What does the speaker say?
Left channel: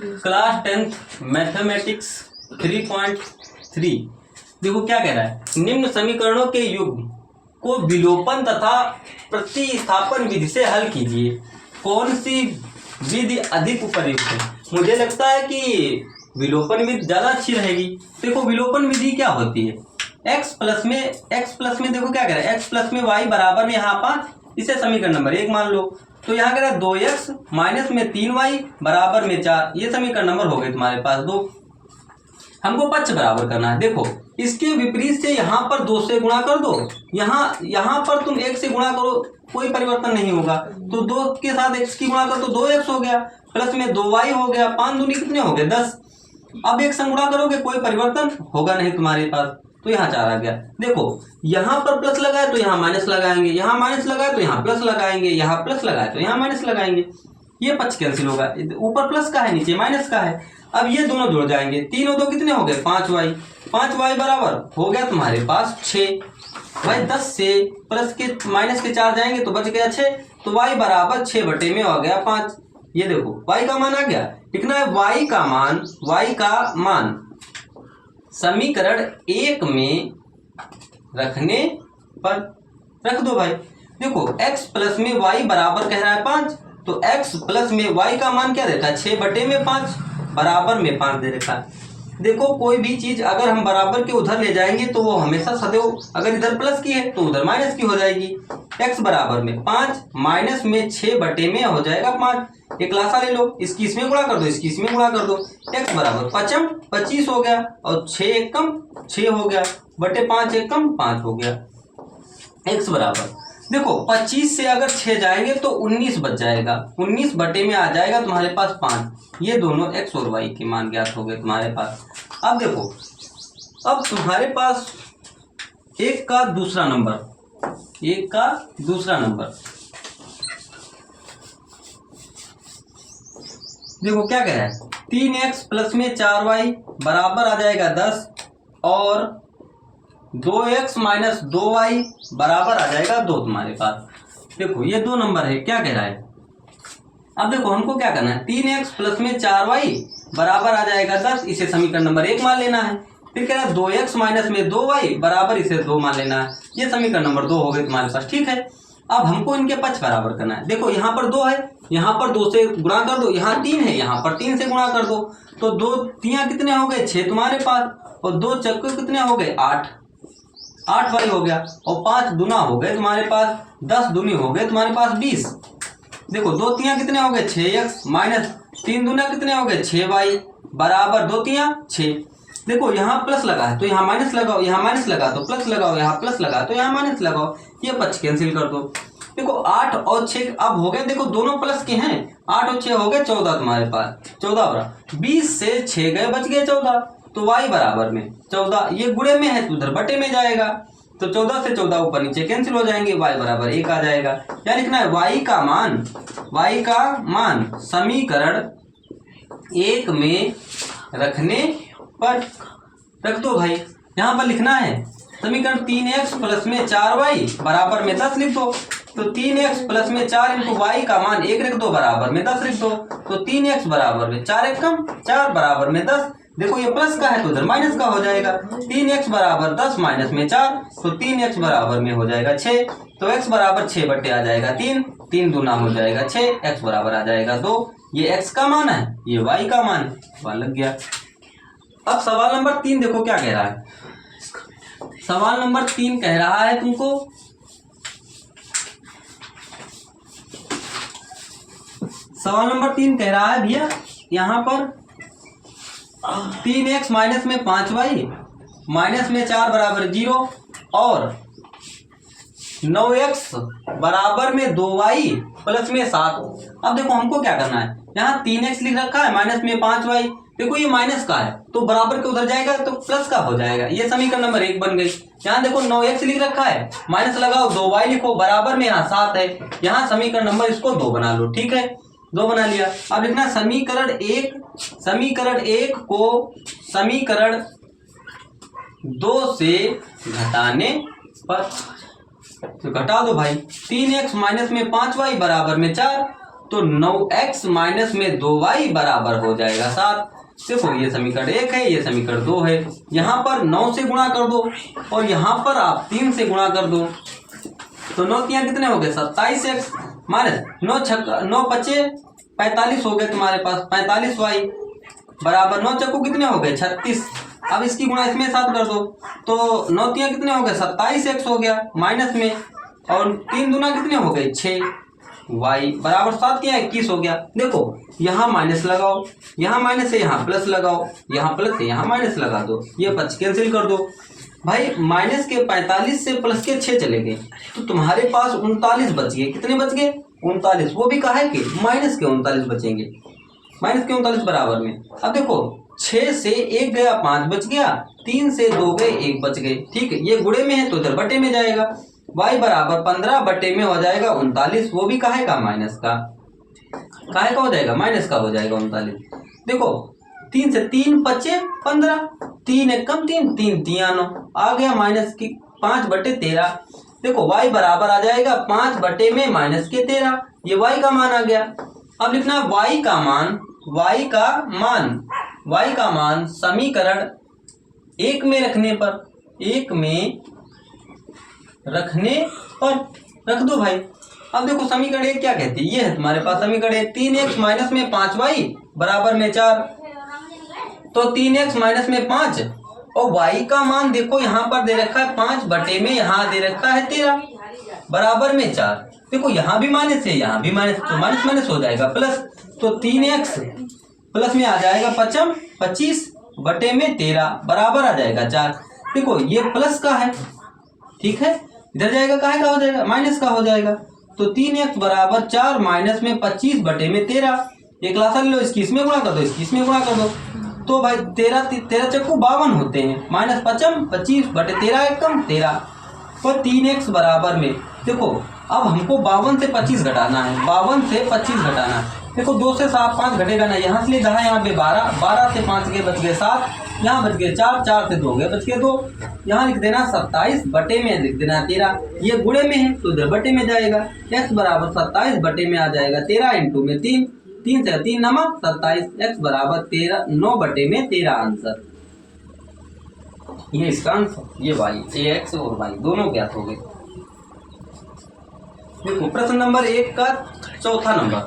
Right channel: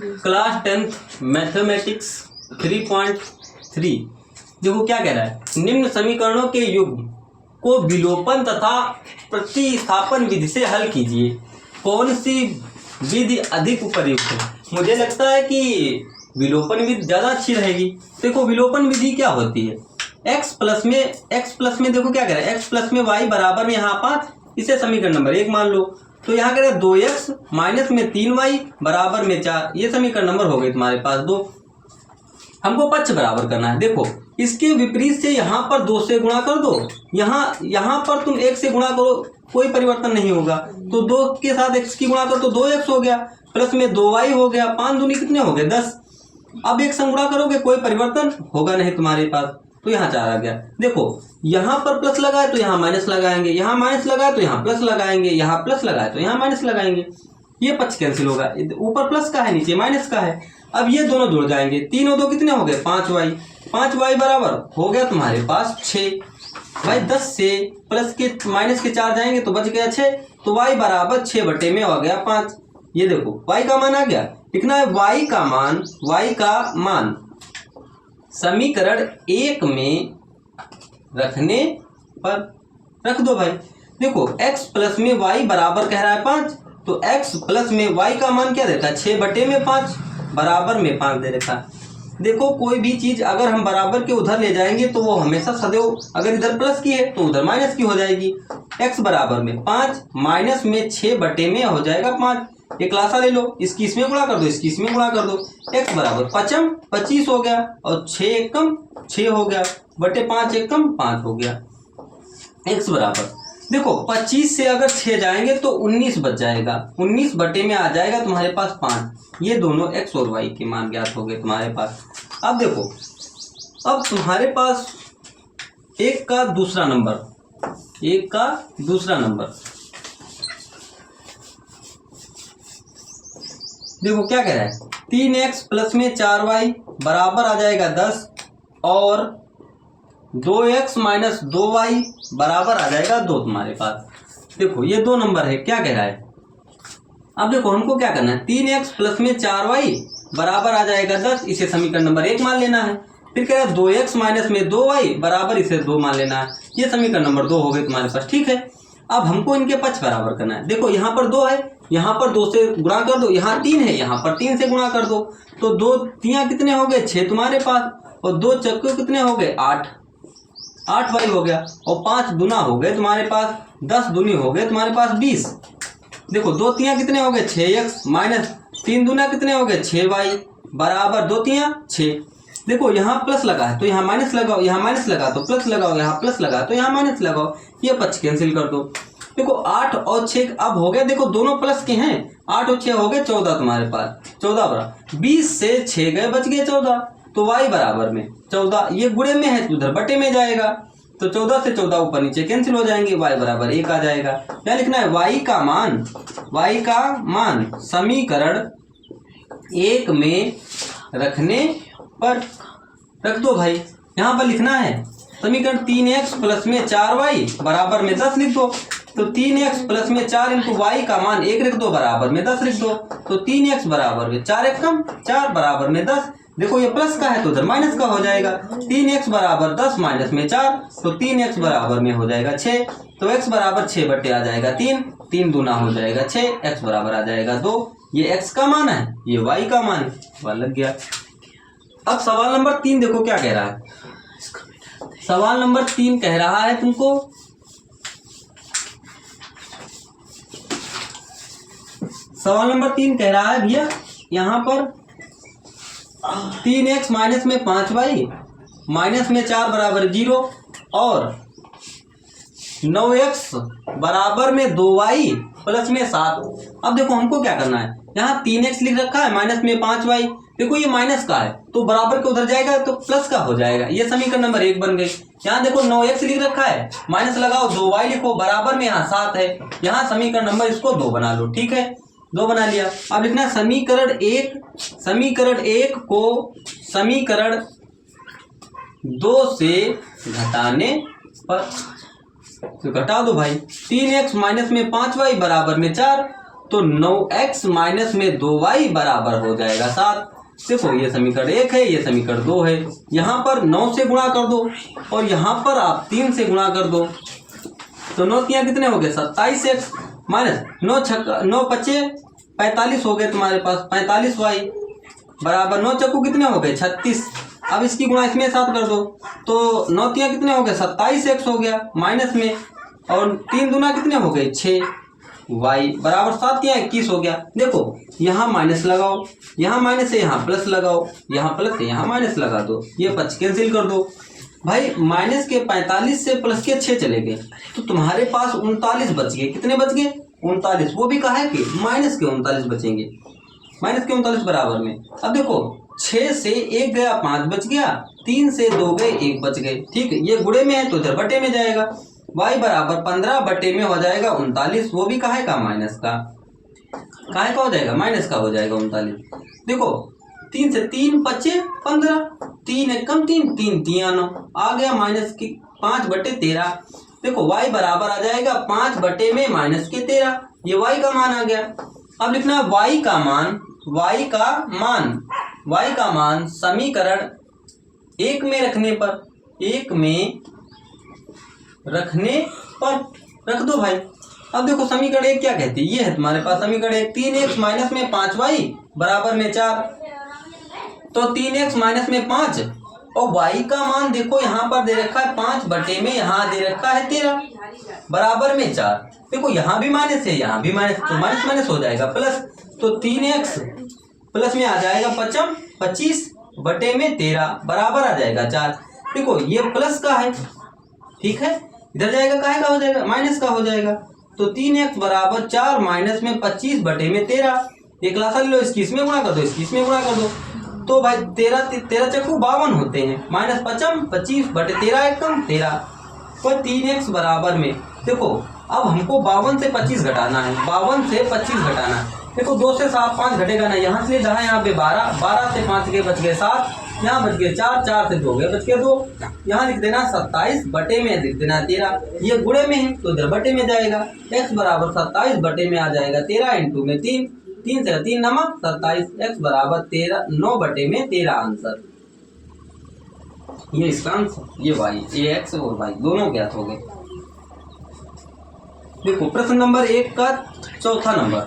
Class 10th mathematics 3.3। देखो क्या कह रहा है, निम्न समीकरणों के युग्म को विलोपन तथा प्रतिस्थापन विधि से हल कीजिए। कौन सी विधि अधिक उपयुक्त है? मुझे लगता है कि विलोपन विधि ज़्यादा अच्छी रहेगी। देखो विलोपन विधि क्या होती है, x प्लस में देखो क्या कह रहा है, x प्लस में y बराबर में यहाँ 5, इसे समीकरण नंबर 1 मान लो। तो यहाँ कह रहा है 2x माइनस में 3y बराबर में 4, ये समीकरण नंबर हो गए तुम्हारे पास 2। हमको पक्ष बराबर करना है। देखो इसके विपरीत से यहाँ पर 2 से गुणा कर दो, यहाँ पर तुम 1 से गुणा करो, कोई परिवर्तन नहीं होगा। तो 2 के साथ x की गुणा कर तो 2x हो गया, प्लस में 2y हो गया, 5 दूनी कितने हो गए 10। अब एक संग गुणा करोगे कोई परिवर्तन होगा नहीं तुम्हारे पास, तो यहाँ 4 आ गया। देखो यहाँ पर प्लस लगाए तो यहाँ माइनस लगाएंगे, यहाँ माइनस लगाए तो यहाँ प्लस लगाएंगे, यहाँ प्लस लगाए तो यहाँ माइनस लगाएंगे, ये पक्ष कैंसिल होगा। ऊपर प्लस का है नीचे माइनस का है। अब ये दोनों जुड़ जाएंगे, 3 और 2 कितने हो गए 5y बराबर हो गया तुम्हारे पास 6। भाई 10 से प्लस के माइनस के 4 जाएंगे तो बच गया 6, तो y बराबर 6 बटे में हो गया 5। ये देखो y का मान आ गया, लिखना है y का मान समीकरण 1 में रखने पर रख दो। भाई देखो x प्लस में y बराबर कह रहा है 5, तो x प्लस में y का मान क्या देता है 6 बटे में 5 बराबर में 5 दे रखा है। देखो कोई भी चीज अगर हम बराबर के उधर ले जाएंगे तो वो हमेशा सदैव अगर इधर प्लस की है तो उधर माइनस की हो जाएगी। x बराबर में 5 माइनस में 6 बटे में हो जाएगा 5। एक लासा ले लो, इसकी इसमें गुणा कर दो, इसकी इसमें गुणा कर दो। x बराबर 25 हो गया और 6 एकम 6 हो गया बटे 5 एकम 5 हो गया। x बराबर देखो 25 से अगर 6 जाएंगे तो 19 बच जाएगा, 19 बटे में आ जाएगा तुम्हारे पास 5। ये दोनों x और y के मान ज्ञात हो गए तुम्हारे पास। अब देखो अब तुम्हारे पास एक का दूसरा नंबर देखो क्या कह रहा है, 3x प्लस में 4y बराबर आ जाएगा 10 और 2x माइनस 2y बराबर आ जाएगा 2 तुम्हारे पास। देखो ये 2 नंबर है, क्या कह रहा है। अब देखो हमको क्या करना है, 3x प्लस में 4y बराबर आ जाएगा 10, इसे समीकरण नंबर 1 मान लेना है। फिर कह रहा है 2x माइनस में 2y बराबर इसे 2 मान लेना है, ये समीकरण नंबर 2 हो गए तुम्हारे पास। ठीक है, अब हमको इनके पक्ष बराबर करना है। देखो यहाँ पर 2 है, यहाँ पर 2 से गुणा कर दो, यहाँ 3 है, यहाँ पर 3 से गुणा कर दो, तो 2 3 कितने हो गए 6 तुम्हारे पास, और 2 चक्के कितने हो गए 8 वाई हो गया, और 5 दुना हो गए तुम्हारे पास 10 दूनी हो गए तुम्हारे पास 20। देखो 2 3 कितने हो गए 6x माइनस 3 दूना कितने हो गए 6y बराबर 2 3 6। देखो यहाँ प्लस लगा है तो यहाँ माइनस लगाओ, यहाँ माइनस लगा तो प्लस लगाओ, यहाँ प्लस लगा तो यहाँ माइनस लगाओ, ये पक्ष कैंसिल कर दो। देखो 8 और 6 अब हो गए, देखो दोनों प्लस के हैं, 8 और 6 हो गए 14 तुम्हारे पास, 14 बराबर 20 से 6 गए बच गए 14, तो y बराबर में 14, ये गुणे में है तो उधर बटे में जाएगा, तो 14 से 14 ऊपर नीचे कैंसिल हो जाएंगे, y बराबर 1 आ जाएगा। क्या लिखना है, y का मान समीकरण 1 में रखने पर रख दो। भाई यहाँ पर लिखना है समीकरण 3x प्लस में 4y बराबर में 10 लिख दो, तो 3x प्लस में 4 इंटू y का मान 1 लिख दो बराबर में 10 लिख दो, तो 3x बराबर में 4 एकम 4 बराबर में 10। देखो ये प्लस का है तो उधर माइनस का हो जाएगा, 3x बराबर 10 माइनस में 4, तो 3x बराबर में हो जाएगा 6, तो x बराबर 6 बटे आ जाएगा 3, 3 दूना हो जाएगा 6, x बराबर आ जाएगा 2। ये x का मान है, ये y का मान है, वह लग गया। अब सवाल नंबर 3 देखो क्या कह रहा है, सवाल नंबर 3 कह रहा है तुमको कह रहा है भैया यहाँ पर 3x माइनस में 5y माइनस में 4 बराबर 0 और 9x बराबर में 2y प्लस में 7। अब देखो हमको क्या करना है, यहाँ 3x लिख रखा है माइनस में 5y, देखो ये माइनस का है तो बराबर के उधर जाएगा तो प्लस का हो जाएगा, ये समीकरण नंबर 1 बन गई। यहाँ देखो 9x लिख रखा है, माइनस लगाओ 2y लिखो बराबर में यहाँ 7 है, यहाँ समीकरण नंबर इसको 2 बना लो। ठीक है, 2 बना लिया। अब लिखना समीकरण 1 को समीकरण 2 से घटाने पर, तो घटा दो भाई, 3x माइनस में 5y बराबर में 4 तो 9x माइनस में 2y बराबर हो जाएगा 7। देखो ये समीकरण 1 है, ये समीकरण 2 है। यहाँ पर 9 से गुणा कर दो और यहाँ पर आप 3 से गुणा कर दो, तो 9 3 कितने हो गए 27x माइनस 9 पचे 45 हो गए तुम्हारे पास 45y बराबर 9 चक्कू कितने हो गए 36। अब इसकी गुणा इसमें 7 कर दो, तो 9 3 कितने हो गए 27x हो गया माइनस में, और 3 दूना कितने हो गए 6y बराबर 7 या 21 हो गया। देखो यहाँ माइनस लगाओ, यहाँ माइनस है यहाँ प्लस लगाओ, यहाँ प्लस है यहाँ माइनस लगा दो, ये 5 कैंसिल कर दो। भाई माइनस के 45 से प्लस के 6 चले गए, तो तुम्हारे पास 39 बच गए। कितने बच गए 39, वो भी कहा है कि माइनस के 39 बचेंगे, माइनस के 39 बराबर में। अब देखो 6 से 1 गया 5 बच गया, 3 से 2 गए 1 बच गए। ठीक है, ये गुणे में है तो इधर बटे में जाएगा, y बराबर 15 बटे में हो जाएगा 39, वो भी काहे का माइनस का, काहे का हो जाएगा माइनस का हो जाएगा 39। देखो 3 से 3 बचे 15, 3 एक कम 3 3 3 9 आ गया माइनस की 5 बटे 13। देखो y बराबर आ जाएगा 5 बटे में माइनस के 13, ये y का मान आ गया। अब लिखना है y का मान, y का मान समीकरण 1 में रखने पर, 1 में रखने पर रख दो भाई। अब देखो समीकरण 1 क्या कहती है, ये है तुम्हारे पास समीकरण 1, 3x माइनस में 5y बराबर में 4, तो 3x माइनस में 5 और y का मान देखो यहाँ पर दे रखा है 5 बटे में, यहाँ दे रखा है 13 बराबर में 4। देखो यहाँ भी माइनस है यहाँ भी माइनस, तो माइनस माइनस हो जाएगा प्लस, तो 3x प्लस में आ जाएगा 25 बटे में 13 बराबर आ जाएगा 4। देखो ये प्लस का है, ठीक है, इधर जाएगा काहे का हो जाएगा माइनस का हो जाएगा, तो 3x बराबर 4 माइनस में 25 बटे में 13। एक लासा ले लो, इसकी इसमें गुणा कर दो, इसकी इसमें गुणा कर दो, तो भाई 13 चक्कू 52 होते हैं, माइनस 25 बटे 13 एक कम 13, पर 3x बराबर में। देखो अब हमको 52 से 25 घटाना है, 52 से 25 घटाना है। देखो 2 से 5 घटेगा ना, यहाँ से जहाँ यहाँ पे 12 से 5 के बच गए 7, यहाँ बच गए 4 से 2 गए बच गए 2, यहाँ लिख देना 27 बटे में लिख देना 13, ये गुणे में है तो इधर बटे में जाएगा, x बराबर 27 बटे में आ जाएगा 13 इंटू में 3 से 3 नमा 27, x बराबर 9 बटे में 13 आंसर। ये इसका आंसर, ये y, ये x और y दोनों ज्ञात हो गए। देखो प्रश्न नंबर 1 का चौथा नंबर,